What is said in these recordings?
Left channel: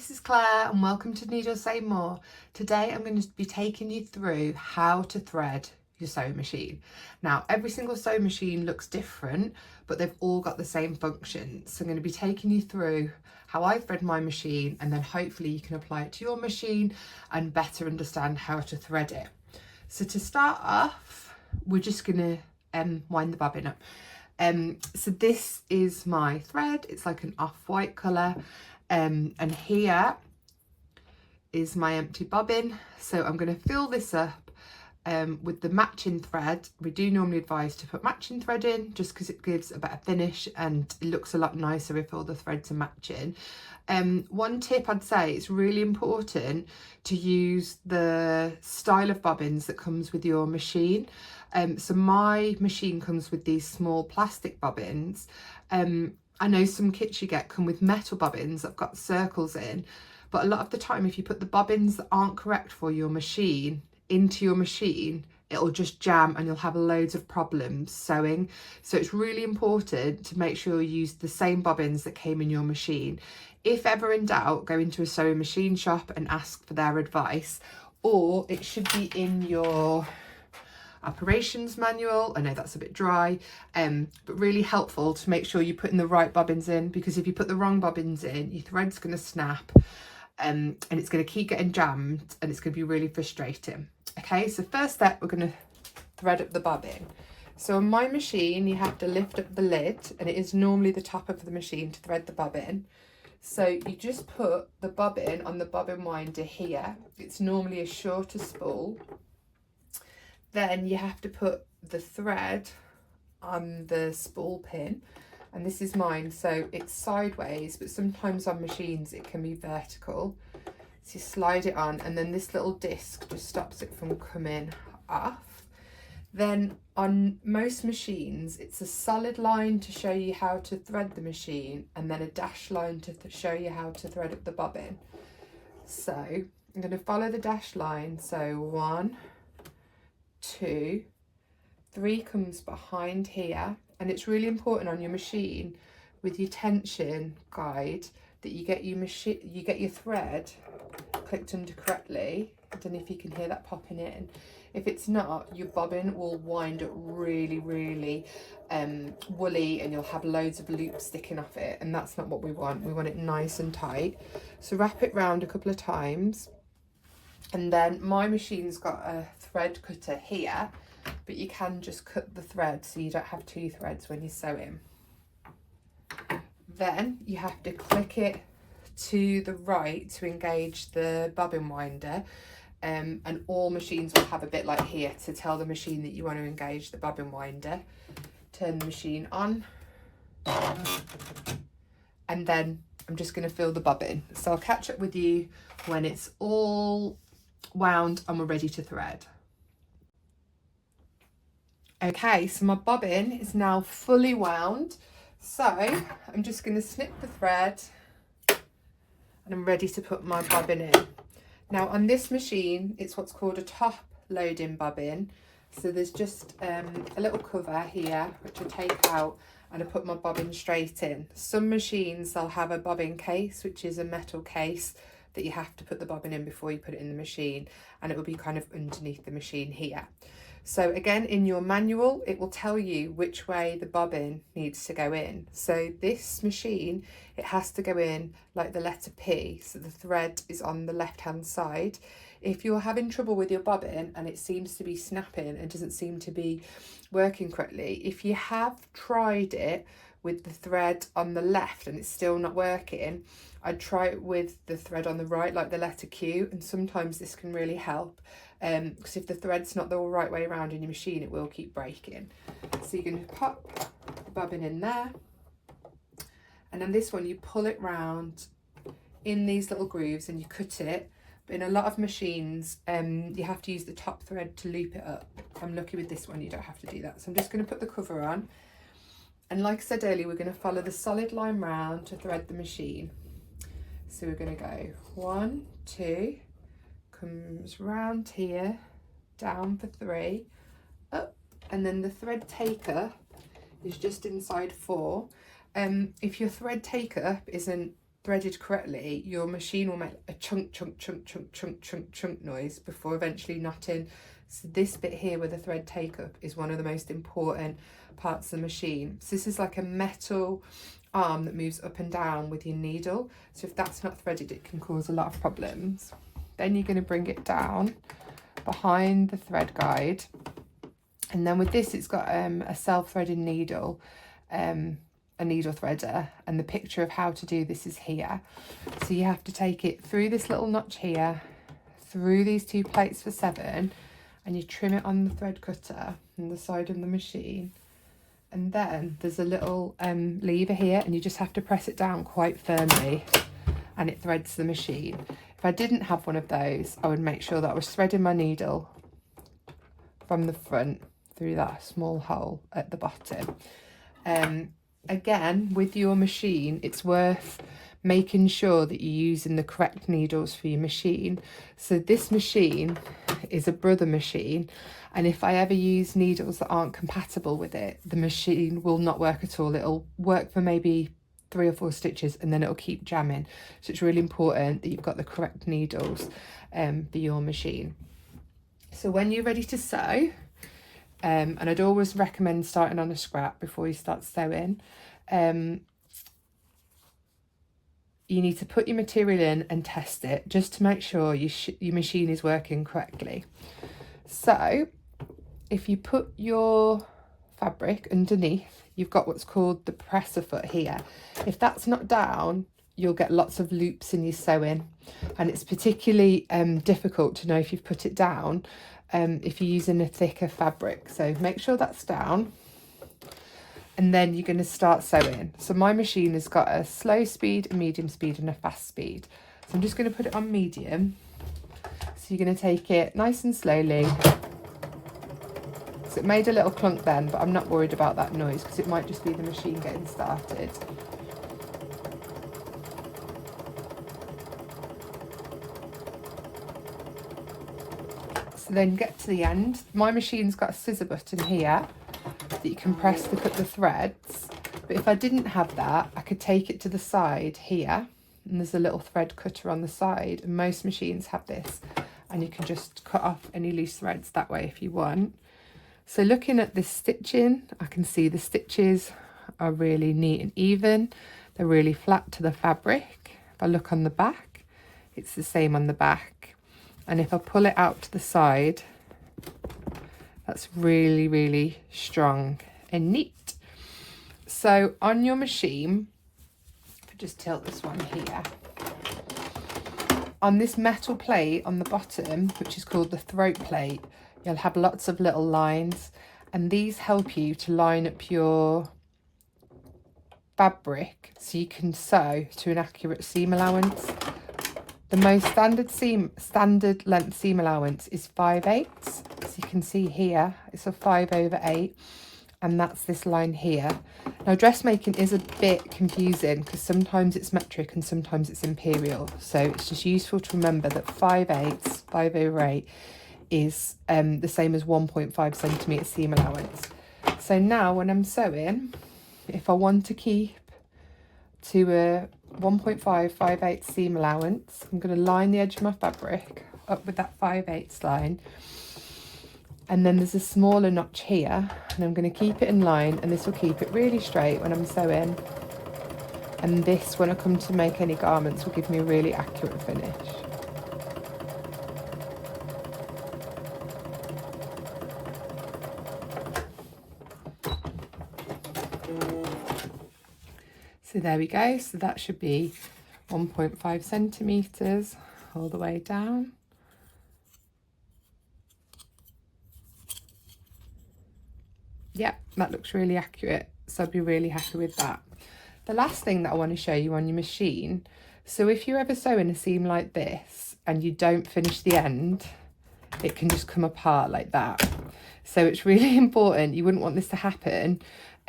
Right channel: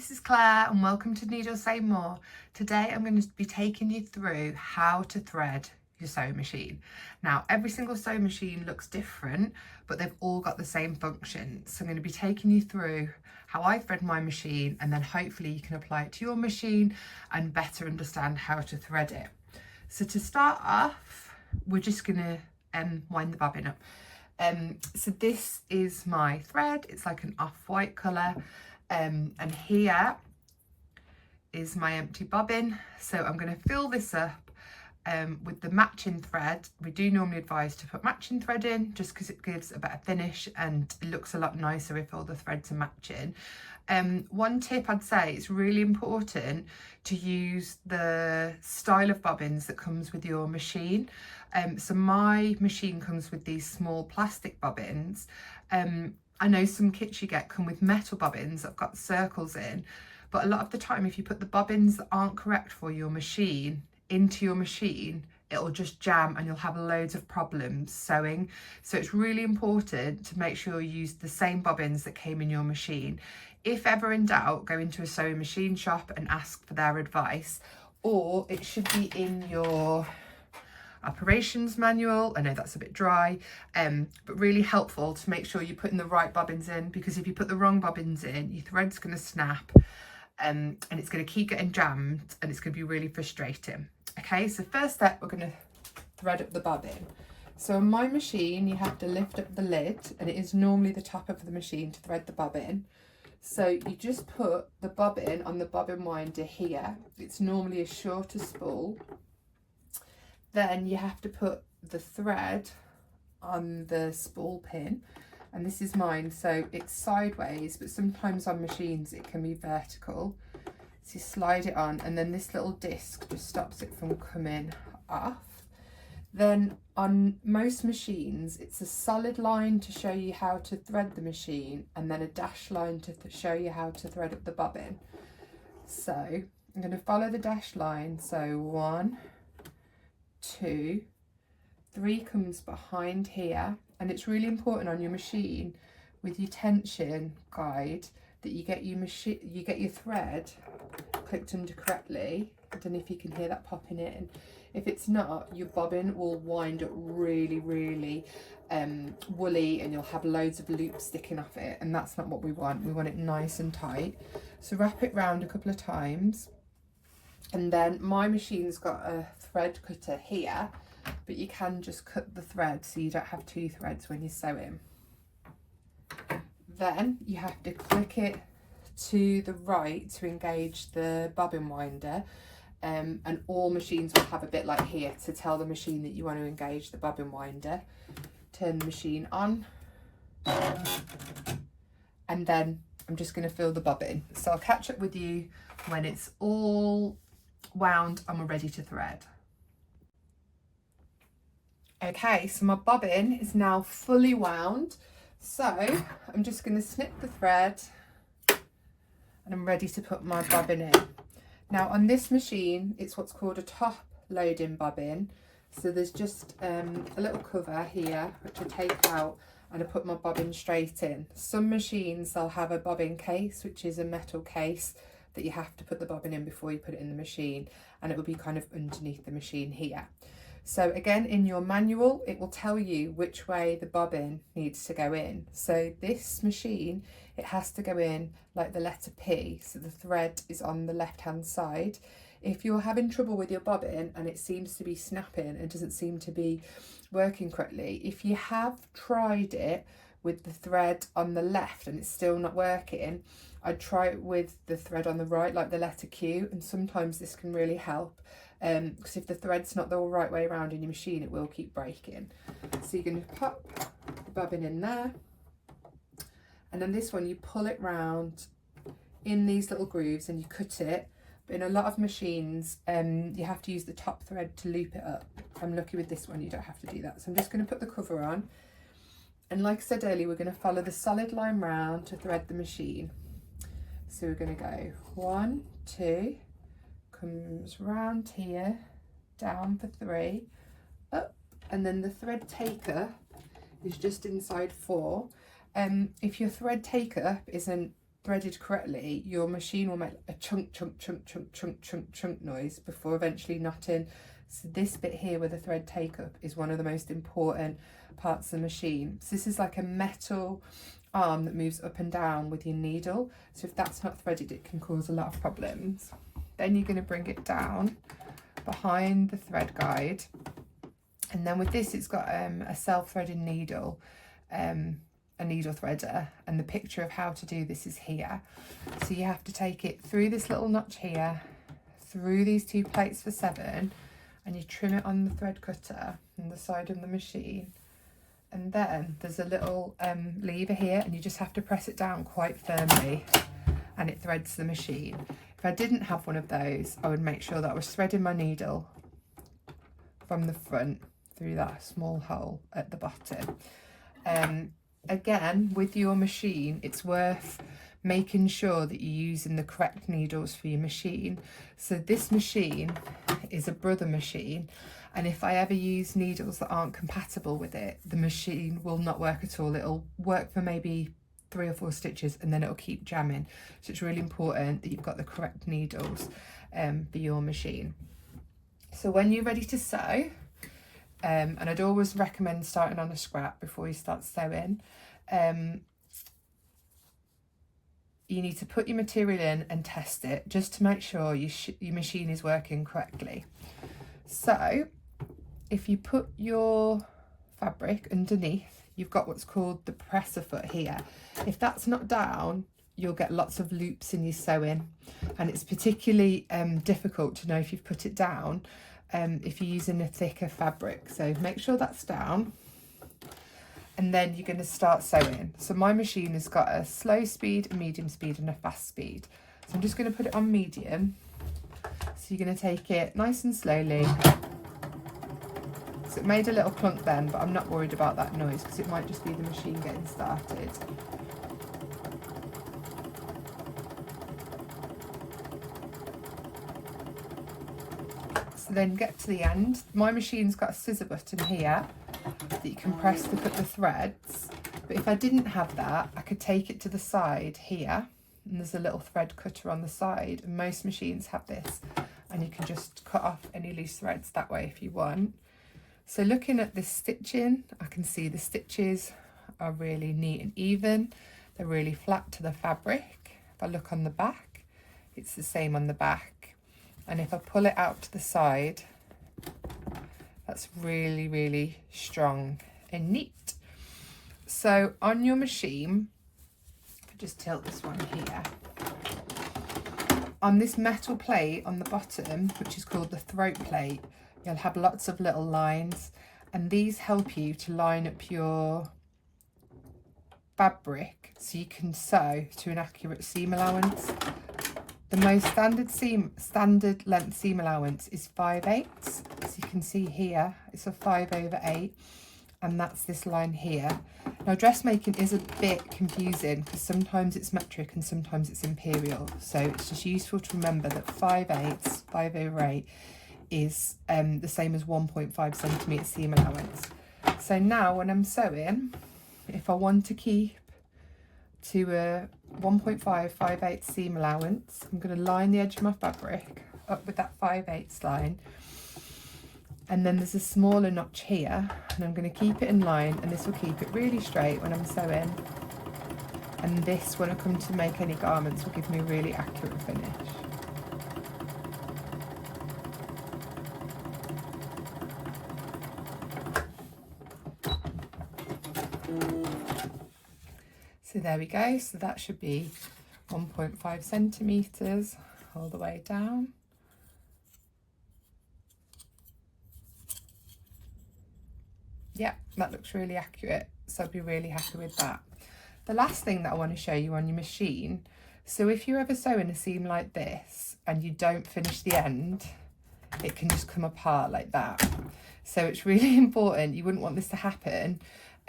this is Claire and welcome to Needle Say More. Today I'm going to be taking you through how to thread your sewing machine. Now every single sewing machine looks different, but they've all got the same function. So I'm going to be taking you through how I thread my machine, and then hopefully you can apply it to your machine and better understand how to thread it. So to start off, we're just going to wind the bobbin up. So this is my thread. It's like an off-white colour. And here is my empty bobbin. So I'm going to fill this up with the matching thread. We do normally advise to put matching thread in just because it gives a better finish and it looks a lot nicer if all the threads are matching. One tip I'd say, it's really important to use the style of bobbins that comes with your machine. So my machine comes with these small plastic bobbins. I know some kits you get come with metal bobbins that have got circles in, but a lot of the time if you put the bobbins that aren't correct for your machine into your machine, it'll just jam and you'll have loads of problems sewing. So it's really important to make sure you use the same bobbins that came in your machine. If ever in doubt, go into a sewing machine shop and ask for their advice, or it should be in your operations manual. I know that's a bit dry, but really helpful to make sure you're putting the right bobbins in, because if you put the wrong bobbins in, your thread's going to snap and it's going to keep getting jammed and it's going to be really frustrating. Okay, so first step, we're going to thread up the bobbin. So on my machine, you have to lift up the lid, and it is normally the top of the machine to thread the bobbin. So you just put the bobbin on the bobbin winder here. It's normally a shorter spool. Then you have to put the thread on the spool pin, and this is mine, so it's sideways, but sometimes on machines it can be vertical. So you slide it on, and then this little disc just stops it from coming off. Then on most machines it's a solid line to show you how to thread the machine, and then a dashed line to show you how to thread up the bobbin. So I'm going to follow the dashed line, so 1, 2, 3 comes behind here, and it's really important on your machine with your tension guide that you get your thread clicked under correctly. I don't know if you can hear that popping in. If it's not, your bobbin will wind up really woolly, and you'll have loads of loops sticking off it, and that's not what we want. We want it nice and tight. So wrap it round a couple of times. And then my machine's got a thread cutter here, but you can just cut the thread so you don't have 2 threads when you're sewing. Then you have to click it to the right to engage the bobbin winder, and all machines will have a bit like here to tell the machine that you want to engage the bobbin winder. Turn the machine on, and then I'm just going to fill the bobbin. So I'll catch up with you when it's all wound and we're ready to thread. Okay, so my bobbin is now fully wound, so I'm just going to snip the thread and I'm ready to put my bobbin in. Now on this machine it's what's called a top loading bobbin, so there's just a little cover here which I take out and I put my bobbin straight in. Some machines they'll have a bobbin case, which is a metal case that you have to put the bobbin in before you put it in the machine, and it will be kind of underneath the machine here. So again, in your manual it will tell you which way the bobbin needs to go in. So this machine, it has to go in like the letter P, so the thread is on the left hand side. If you're having trouble with your bobbin and it seems to be snapping and doesn't seem to be working correctly, if you have tried it with the thread on the left and it's still not working, I'd try it with the thread on the right, like the letter Q, and sometimes this can really help, because if the thread's not the right way around in your machine, it will keep breaking. So you're going to pop the bobbin in there, and then this one you pull it round in these little grooves and you cut it. But in a lot of machines you have to use the top thread to loop it up. I'm lucky with this one you don't have to do that. So I'm just going to put the cover on, and like I said earlier, we're going to follow the solid line round to thread the machine. So we're going to go 1, 2, comes round here, down for 3, up, and then the thread taker is just inside 4. If your thread taker isn't threaded correctly, your machine will make a chunk noise before eventually knotting. So this bit here where the thread take up is one of the most important parts of the machine. So this is like a metal arm that moves up and down with your needle. So if that's not threaded, it can cause a lot of problems. Then you're going to bring it down behind the thread guide. And then with this, it's got a self-threading needle, a needle threader, and the picture of how to do this is here. So you have to take it through this little notch here, through these 2 plates for 7, and you trim it on the thread cutter on the side of the machine. And then there's a little lever here, and you just have to press it down quite firmly and it threads the machine. If I didn't have one of those, I would make sure that I was threading my needle from the front through that small hole at the bottom. Again, with your machine, it's worth making sure that you're using the correct needles for your machine. So this machine is a Brother machine, and if I ever use needles that aren't compatible with it, the machine will not work at all. It'll work for maybe 3 or 4 stitches and then it'll keep jamming. So it's really important that you've got the correct needles for your machine. So when you're ready to sew, and I'd always recommend starting on a scrap before you start sewing, you need to put your material in and test it just to make sure your machine is working correctly. So if you put your fabric underneath, you've got what's called the presser foot here. If that's not down, you'll get lots of loops in your sewing, and it's particularly difficult to know if you've put it down if you're using a thicker fabric. So make sure that's down, and then you're going to start sewing. So my machine has got a slow speed, a medium speed and a fast speed. So I'm just going to put it on medium. So you're going to take it nice and slowly. So it made a little clunk then, but I'm not worried about that noise because it might just be the machine getting started. So then get to the end. My machine's got a scissor button here that you can press to cut the threads, but if I didn't have that, I could take it to the side here, and there's a little thread cutter on the side, and most machines have this, and you can just cut off any loose threads that way if you want. So looking at this stitching, I can see the stitches are really neat and even. They're really flat to the fabric. If I look on the back, it's the same on the back. And if I pull it out to the side, that's really, really strong and neat. So on your machine, if I just tilt this one here, on this metal plate on the bottom, which is called the throat plate, you'll have lots of little lines, and these help you to line up your fabric so you can sew to an accurate seam allowance. The most standard length seam allowance is 5/8. So you can see here, it's a 5/8, and that's this line here. Now dressmaking is a bit confusing because sometimes it's metric and sometimes it's imperial. So it's just useful to remember that 5/8, 5/8 is the same as 1.5 centimetre seam allowance. So now when I'm sewing, if I want to keep to a 1.5 5/8 seam allowance, I'm going to line the edge of my fabric up with that 5/8 line, and then there's a smaller notch here, and I'm going to keep it in line, and this will keep it really straight when I'm sewing, and this, when I come to make any garments, will give me a really accurate finish. So there we go. So that should be 1.5 centimetres all the way down. Yeah, that looks really accurate. So I'll be really happy with that. The last thing that I want to show you on your machine. So if you're ever sewing a seam like this and you don't finish the end, it can just come apart like that. So it's really important. You wouldn't want this to happen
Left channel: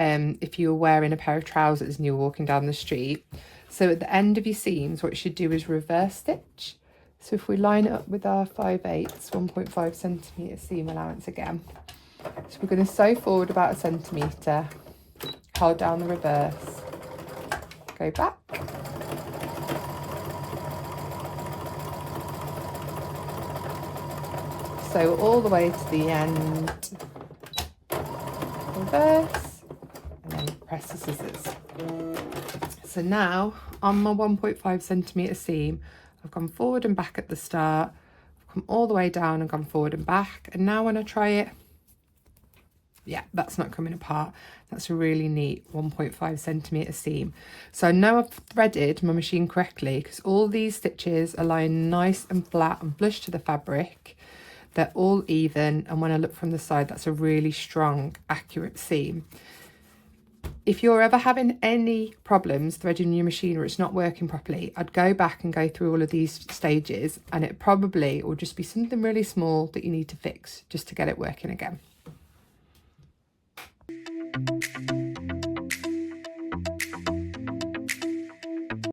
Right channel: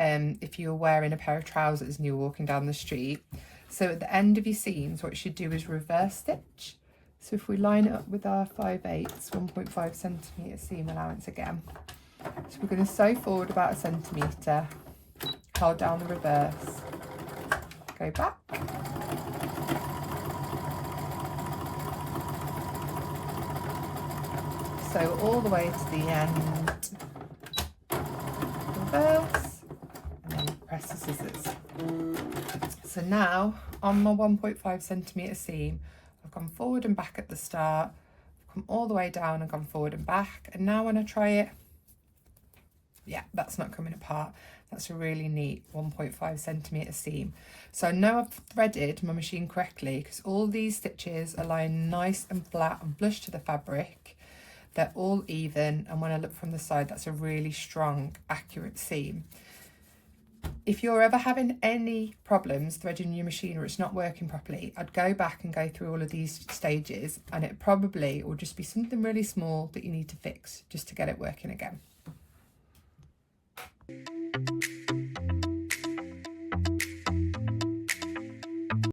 if you were wearing a pair of trousers and you were walking down the street. So at the end of your seams, what you should do is reverse stitch. So if we line it up with our 5/8, 1.5 centimetre seam allowance again. So we're going to sew forward about 1 centimetre, hold down the reverse, go back, sew all the way to the end, reverse, and then press the scissors. So now on my 1.5 centimetre seam, I've gone forward and back at the start, I've come all the way down and gone forward and back, and now when I try it, yeah, that's not coming apart. That's a really neat 1.5 centimetre seam. So I know I've threaded my machine correctly because all these stitches are lying nice and flat and flush to the fabric. They're all even, and when I look from the side, that's a really strong, accurate seam. If you're ever having any problems threading your machine or it's not working properly, I'd go back and go through all of these stages, and it probably will just be something really small that you need to fix just to get it working again.